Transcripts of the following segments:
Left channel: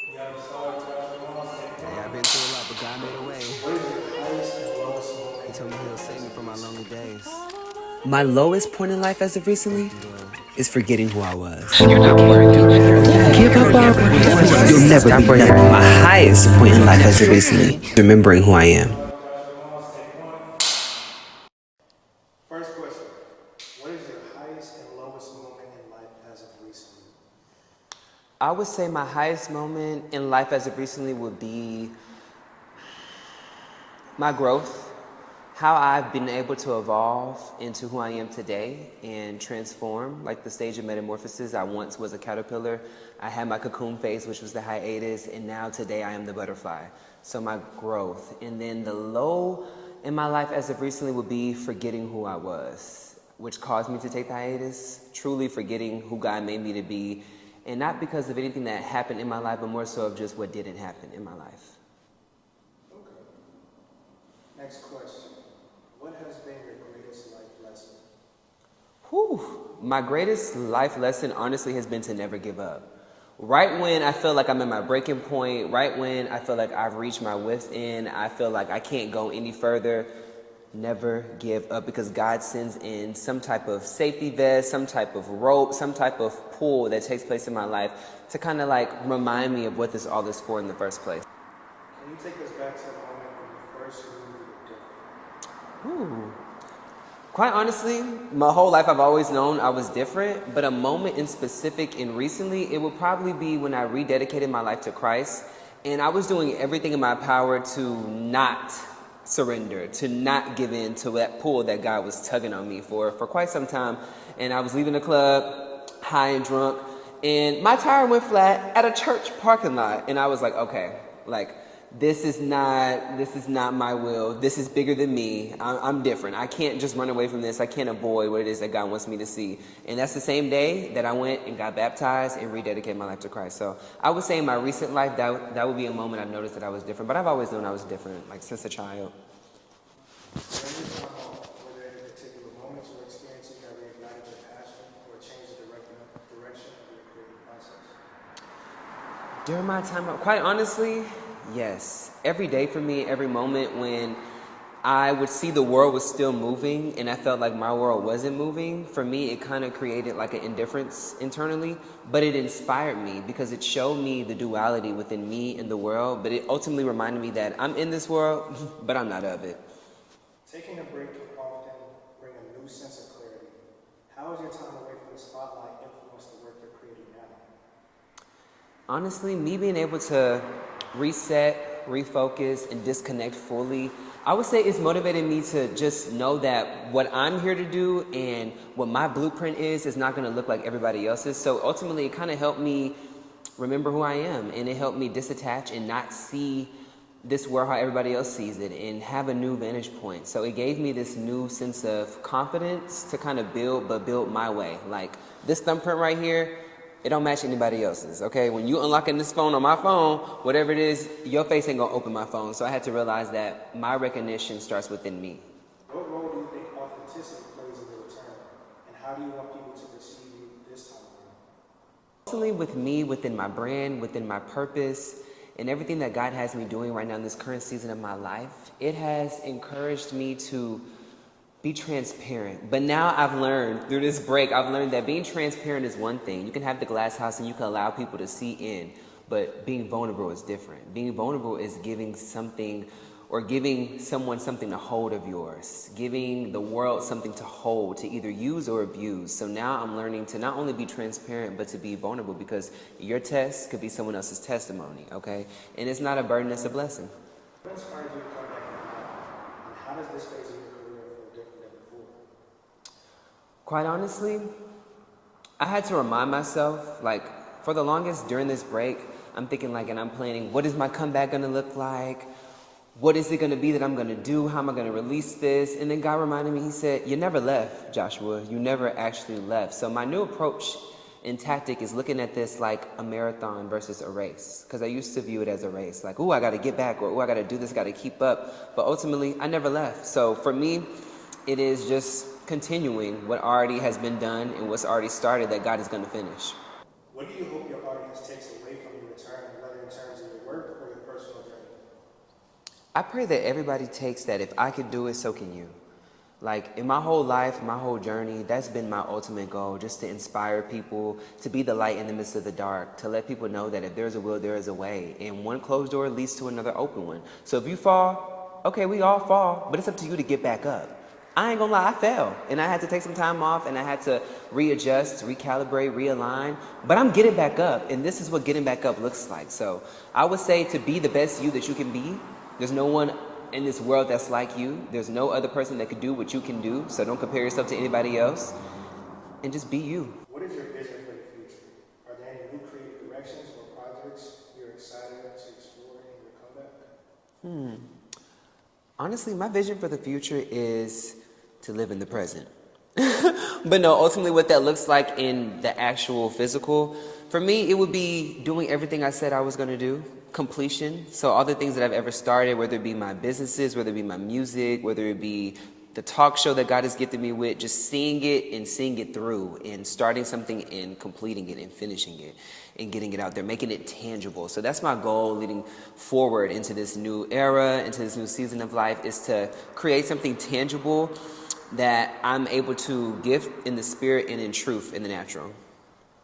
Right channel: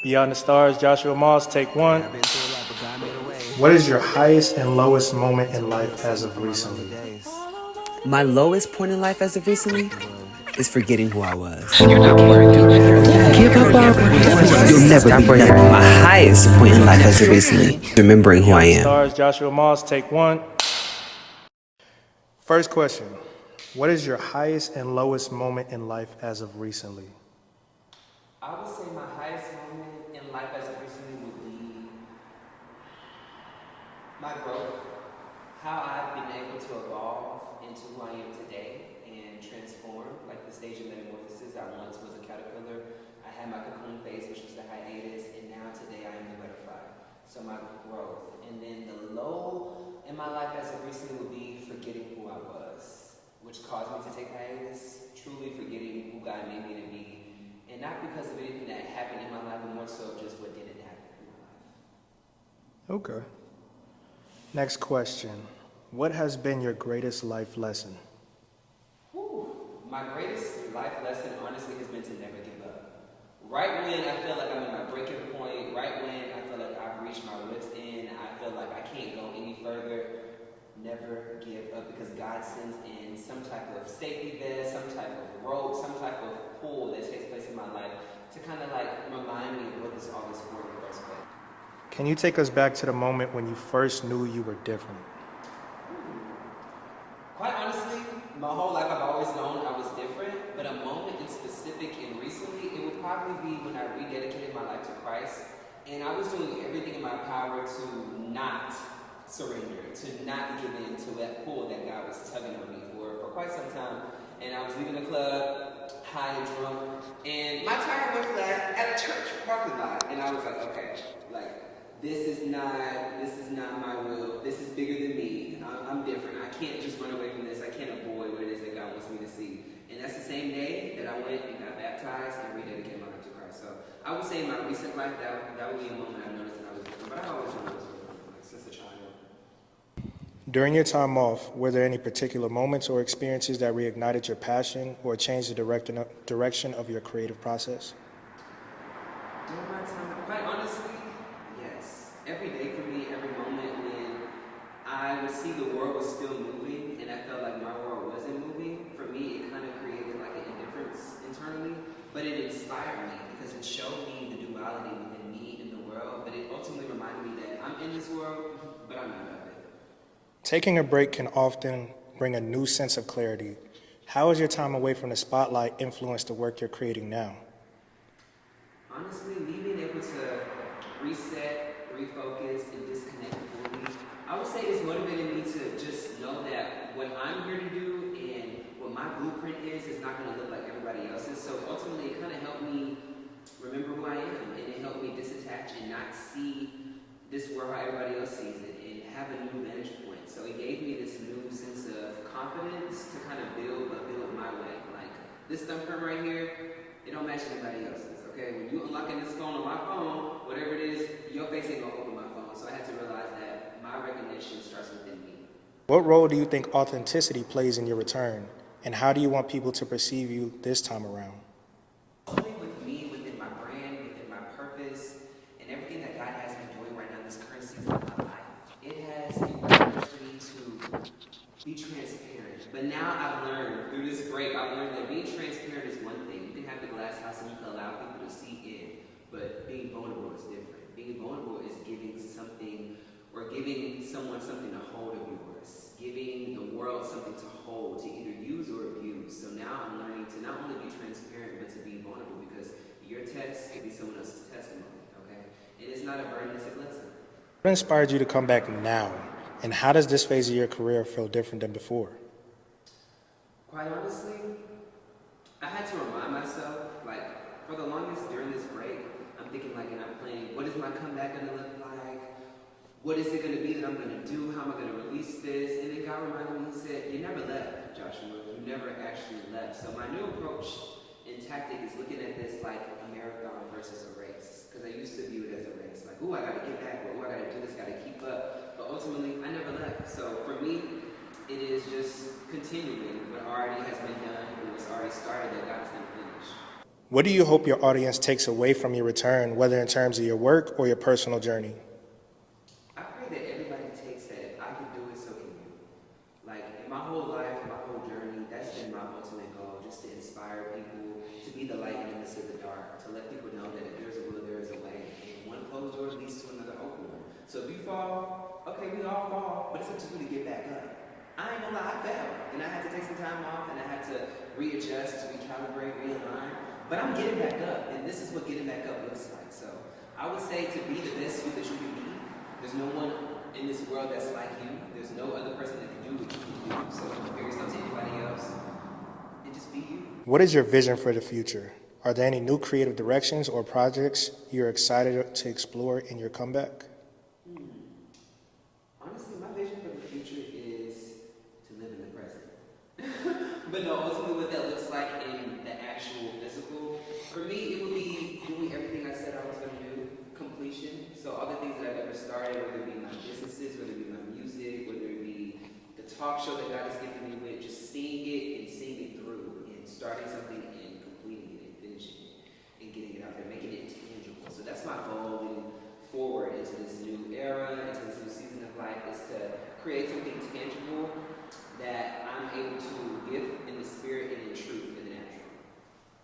Beyond the Stars, Joshua Moss, take one. Yeah, I've been through a lot, but God made a way. What is your highest and lowest moment He in told me he'll life save as me of from my lonely recently? days. My lowest point in life as of recently is forgetting who I was. You're not worthy. Give up already. You'll never be nothing. My highest point in life as of recently, remembering who I Beyond the am. Stars, Joshua Moss, take one. First question. What is your highest and lowest moment in life as of recently? I would say my highest moment in life as of recently would be my growth, how I've been able to evolve into who I am today and transform, like the stage of metamorphosis. I once was a caterpillar. I had my cocoon phase, which was the hiatus, and now today I am the butterfly. So my growth. And then the low in my life as of recently would be forgetting who I was, which caused me to take the hiatus, truly forgetting who God made me to be, and not because of anything that happened in my life, but more so of just what didn't happen in my life. Okay. Next question. What has been your greatest life lesson? Whew. My greatest life lesson, honestly, has been to never give up. Right when I feel like I'm at my breaking point, right when I feel like I've reached my wit's end, I feel like I can't go any further, never give up, because God sends in some type of safety vest, some type of rope, some type of pull that takes place in my life to kind of like remind me of what this all is for in the first place. Can you take us back to the moment when you first knew you were different? Quite honestly, my whole life I've always known I was different, but a moment in specific and recently, it would probably be when I rededicated my life to Christ, and I was doing everything in my power to not surrender, to not give in to that pull that God was tugging on me for quite some time. And I was leaving the club, high and drunk, and my tire went flat at a church parking lot, and I was like, okay, like, this is not my will. This is bigger than me. I'm different. I can't just run away from this. I can't avoid what it is that God wants me to see. And that's the same day that I went and got baptized and rededicated my life to Christ. So I would say in my recent life, that would be a moment I noticed that I was different. But I've always known I was different, like since a child. During your time off, were there any particular moments or experiences that reignited your passion or changed the direction of your creative process? During my time off, quite honestly, yes. Every day for me, every moment when I would see the world was still moving and I felt like my world wasn't moving, for me it kind of created like an indifference internally, but it inspired me because it showed me the duality within me and the world, but it ultimately reminded me that I'm in this world, but I'm not of it. Taking a break can often bring a new sense of clarity. How has your time away from the spotlight influenced the work you're creating now? Honestly, me being able to reset, refocus, and disconnect fully, I would say it's motivated me to just know that what I'm here to do and what my blueprint is not going to look like everybody else's. So ultimately, it kind of helped me remember who I am, and it helped me disattach and not see this world how everybody else sees it and have a new vantage point. So it gave me this new sense of confidence to kind of build, but build my way. Like this thumbprint right here, it don't match anybody else's, okay? When you unlocking this phone on my phone, whatever it is, your face ain't gonna open my phone. So I had to realize that my recognition starts within me. What role do you think authenticity plays in your return? And how do you want people to perceive you this time around? Personally, with me, within my brand, within my purpose, and everything that God has me doing right now in this current season of my life, it has encouraged me to be transparent. But now I've learned through this break, I've learned that being transparent is one thing. You can have the glass house and you can allow people to see in, but being vulnerable is different. Being vulnerable is giving something or giving someone something to hold of yours, giving the world something to hold, to either use or abuse. So now I'm learning to not only be transparent, but to be vulnerable, because your test could be someone else's testimony, okay? And it's not a burden, it's a blessing. What inspired you to come back now? And how does this phase of your career feel different than before? Quite honestly, I had to remind myself, like, for the longest during this break, I'm thinking like, and I'm planning, what is my comeback gonna look like? What is it gonna be that I'm gonna do? How am I gonna release this? And then God reminded me, he said, you never left, Joshua. You never actually left. So my new approach and tactic is looking at this like a marathon versus a race. Because I used to view it as a race. Like, ooh, I gotta get back, or ooh, I gotta do this, gotta keep up. But ultimately, I never left. So for me, it is just continuing what already has been done and what's already started that God is gonna finish. What do you hope your audience takes away from your return, whether in terms of your work or your personal journey? I pray that everybody takes that if I could do it, so can you. Like, in my whole life, my whole journey, that's been my ultimate goal, just to inspire people, to be the light in the midst of the dark, to let people know that if there's a will, there is a way. And one closed door leads to another open one. So if you fall, okay, we all fall, but it's up to you to get back up. I ain't gonna lie, I fell. And I had to take some time off, and I had to readjust, recalibrate, realign. But I'm getting back up, and this is what getting back up looks like. So I would say to be the best you that you can be. There's no one in this world that's like you. There's no other person that could do what you can do, so don't compare yourself to anybody else, and just be you. What is your vision for the future? Are there any new creative directions or projects you're excited to explore in your comeback? Honestly, my vision for the future is to live in the present. But no, ultimately what that looks like in the actual physical, for me, it would be doing everything I said I was gonna do. Completion. So all the things that I've ever started, whether it be my businesses, whether it be my music, whether it be the talk show that God has gifted me with, just seeing it and seeing it through and starting something and completing it and finishing it and getting it out there, making it tangible. So that's my goal leading forward into this new era, into this new season of life, is to create something tangible that I'm able to give in the spirit and in truth in the natural.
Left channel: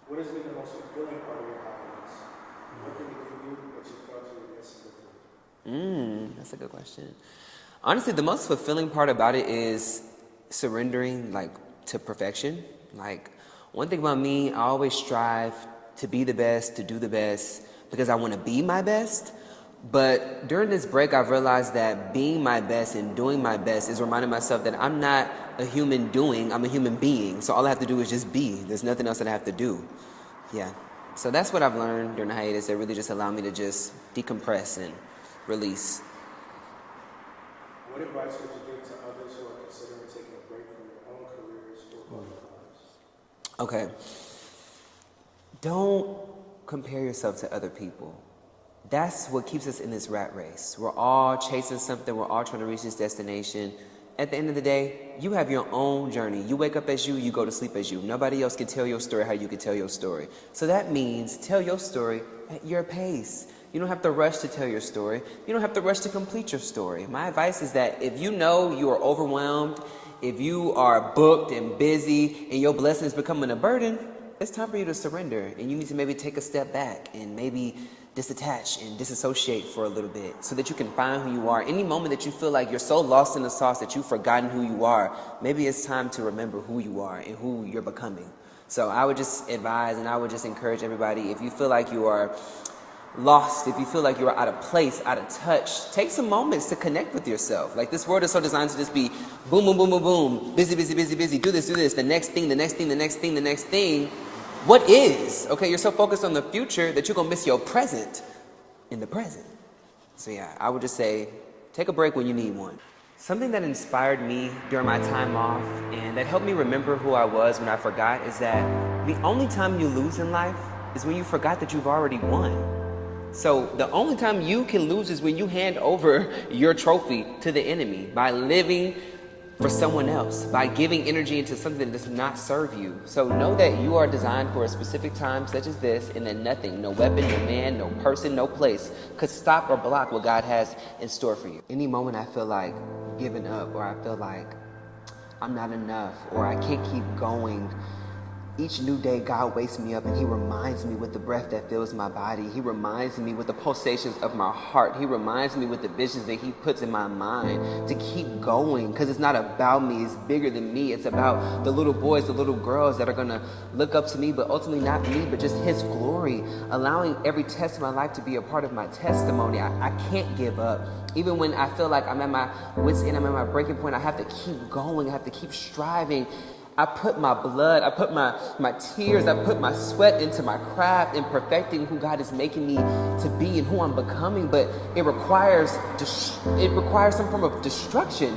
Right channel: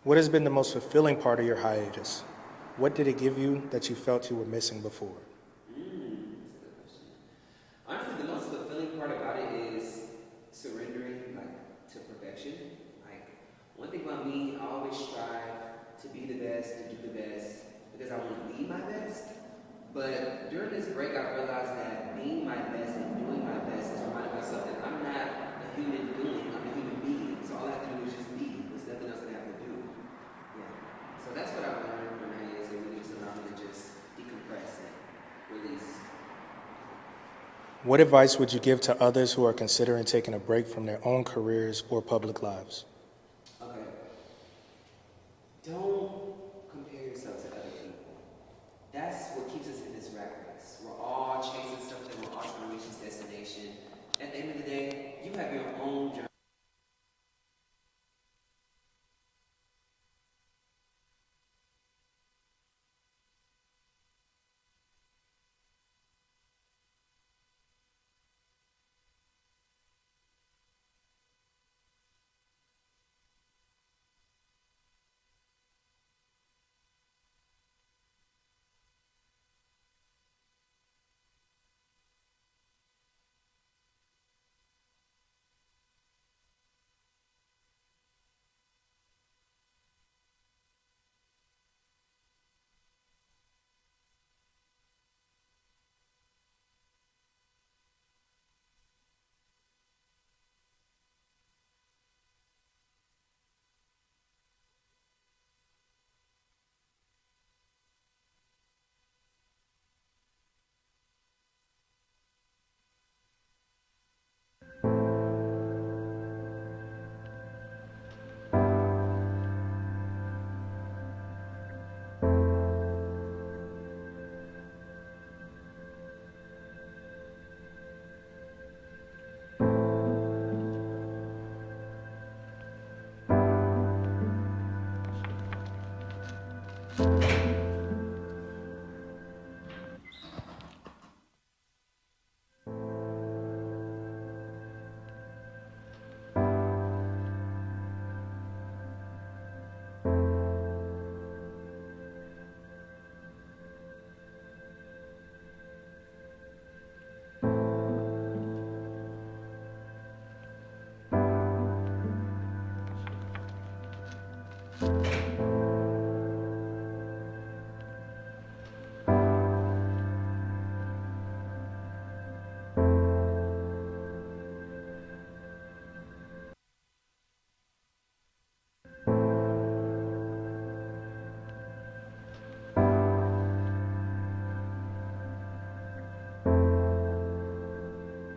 What has been the most fulfilling part of your hiatus? What did it give you that you felt you were missing before? That's a good question. Honestly, the most fulfilling part about it is surrendering, like, to perfection. Like, one thing about me, I always strive to be the best, to do the best, because I want to be my best. But during this break, I've realized that being my best and doing my best is reminding myself that I'm not a human doing, I'm a human being. So all I have to do is just be. There's nothing else that I have to do. Yeah. So that's what I've learned during the hiatus. That really just allowed me to just decompress and release. What advice would you give to others who are considering taking a break from their own careers or public lives? Okay. Don't compare yourself to other people. That's what keeps us in this rat race. We're all chasing something. We're all trying to reach this destination. At the end of the day, you have your own journey. You wake up as you go to sleep as you. Nobody else can tell your story how you can tell your story. So that means tell your story at your pace. You don't have to rush to tell your story. You don't have to rush to complete your story. My advice is that if you know you are overwhelmed, if you are booked and busy and your blessing is becoming a burden, it's time for you to surrender. And you need to maybe take a step back and maybe disattach and disassociate for a little bit so that you can find who you are. Any moment that you feel like you're so lost in the sauce that you've forgotten who you are, maybe it's time to remember who you are and who you're becoming. So I would just advise and I would just encourage everybody, if you feel like you are lost, if you feel like you're out of place, out of touch, take some moments to connect with yourself. Like, this world is so designed to just be boom, boom, boom, boom, boom, busy, busy, busy, busy, do this, the next thing, the next thing, the next thing, the next thing. What is? Okay, you're so focused on the future that you're gonna miss your present in the present. So yeah, I would just say, take a break when you need one. Something that inspired me during my time off and that helped me remember who I was when I forgot is that the only time you lose in life is when you forgot that you've already won. So the only time you can lose is when you hand over your trophy to the enemy by living for someone else, by giving energy into something that does not serve you. So know that you are designed for a specific time such as this, and that nothing, no weapon, no man, no person, no place could stop or block what God has in store for you. Any moment I feel like giving up, or I feel like I'm not enough, or I can't keep going, each new day, God wakes me up and He reminds me with the breath that fills my body. He reminds me with the pulsations of my heart. He reminds me with the visions that He puts in my mind to keep going, because it's not about me. It's bigger than me. It's about the little boys, the little girls that are going to look up to me, but ultimately not me, but just His glory, allowing every test of my life to be a part of my testimony. I can't give up. Even when I feel like I'm at my wit's end, I'm at my breaking point, I have to keep going. I have to keep striving. I put my blood, I put my tears, I put my sweat into my craft and perfecting who God is making me to be and who I'm becoming. But it requires some form of destruction.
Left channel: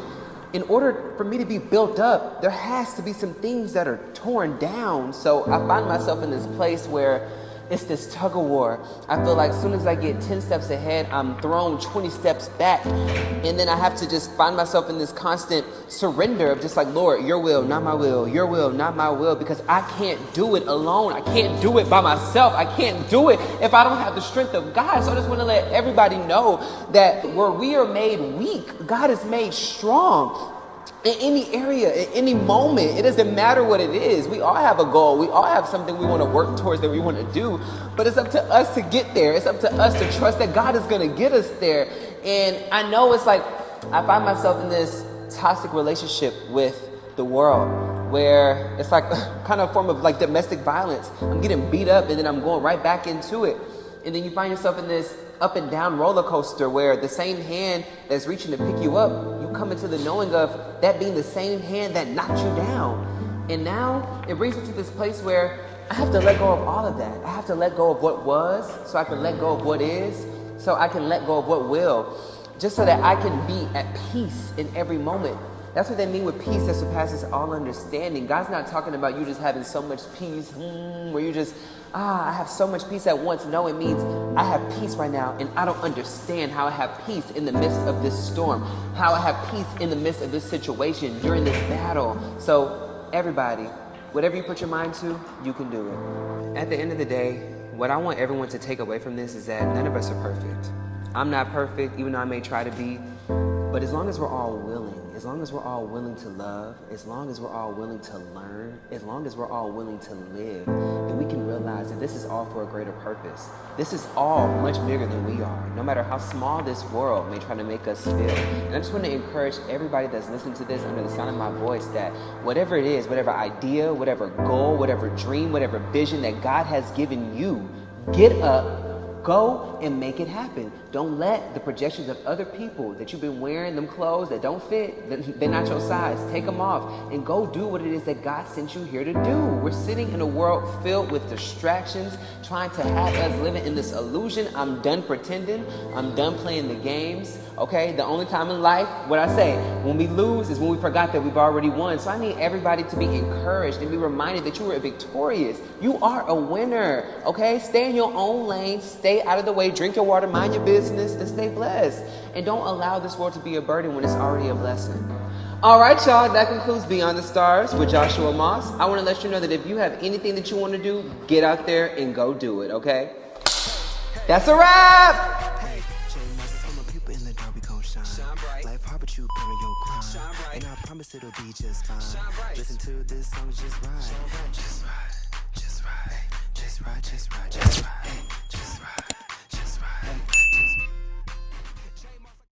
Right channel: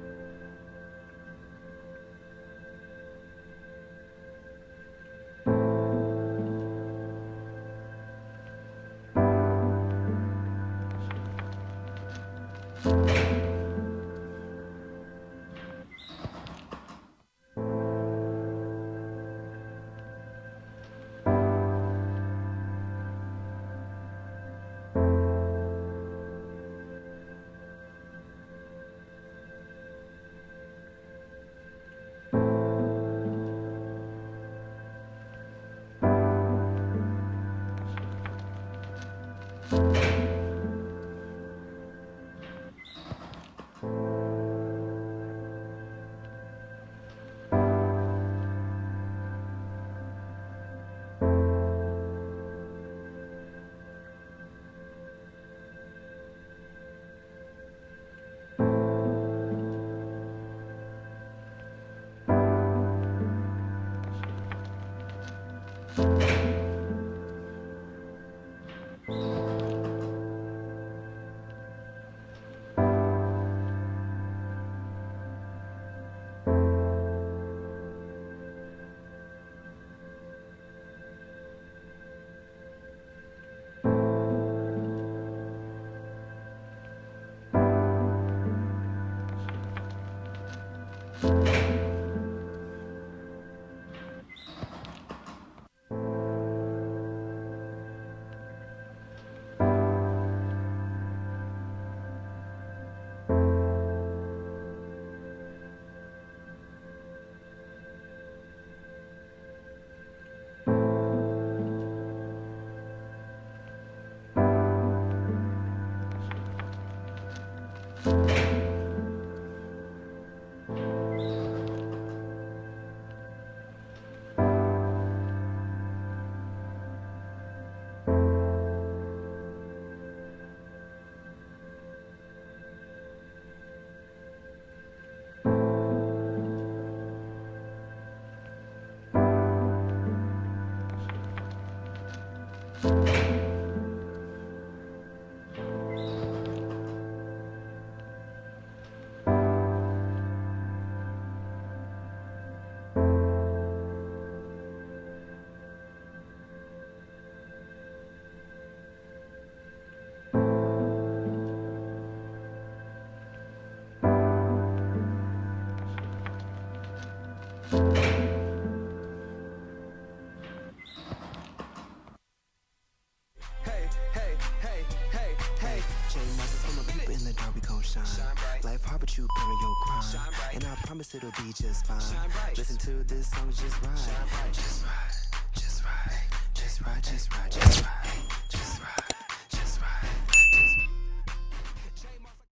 In order for me to be built up, there has to be some things that are torn down. So I find myself in this place where it's this tug of war. I feel like as soon as I get 10 steps ahead, I'm thrown 20 steps back. And then I have to just find myself in this constant surrender of just like, Lord, your will, not my will, your will, not my will, because I can't do it alone. I can't do it by myself. I can't do it if I don't have the strength of God. So I just want to let everybody know that where we are made weak, God is made strong. In any area, in any moment, it doesn't matter what it is. We all have a goal. We all have something we want to work towards that we want to do. But it's up to us to get there. It's up to us to trust that God is going to get us there. And I know it's like I find myself in this toxic relationship with the world where it's like kind of a form of like domestic violence. I'm getting beat up and then I'm going right back into it. And then you find yourself in this up and down roller coaster where the same hand that's reaching to pick you up, you come into the knowing of that being the same hand that knocked you down. And now it brings me to this place where I have to let go of all of that. I have to let go of what was so I can let go of what is, so I can let go of what will, just so that I can be at peace in every moment. That's what they mean with peace that surpasses all understanding. God's not talking about you just having so much peace, where you just, I have so much peace at once. No, it means I have peace right now, and I don't understand how I have peace in the midst of this storm, how I have peace in the midst of this situation, during this battle. So everybody, whatever you put your mind to, you can do it. At the end of the day, what I want everyone to take away from this is that none of us are perfect. I'm not perfect, even though I may try to be, but as long as we're all willing, as long as we're all willing to love, as long as we're all willing to learn, as long as we're all willing to live, then we can realize that this is all for a greater purpose. This is all much bigger than we are, no matter how small this world may try to make us feel. And I just want to encourage everybody that's listening to this under the sound of my voice that whatever it is, whatever idea, whatever goal, whatever dream, whatever vision that God has given you, get up, go and make it happen. Don't let the projections of other people that you've been wearing, them clothes that don't fit, they're not your size. Take them off and go do what it is that God sent you here to do. We're sitting in a world filled with distractions, trying to have us living in this illusion. I'm done pretending. I'm done playing the games. Okay? The only time in life, what I say, when we lose is when we forgot that we've already won. So I need everybody to be encouraged and be reminded that you were victorious. You are a winner. Okay? Stay in your own lane. Stay out of the way. Drink your water. Mind your business. And stay blessed. And don't allow this world to be a burden when it's already a blessing. All right, y'all. That concludes Beyond the Stars with Joshua Moss. I want to let you know that if you have anything that you want to do, get out there and go do it, okay? That's a wrap! Hey, chain masses from my people in the dark, we gon' shine. Life hard, but you better your grind. And I promise it'll be just fine. Listen to this song, just ride. Just ride, just ride, just ride, just ride, just ride. Just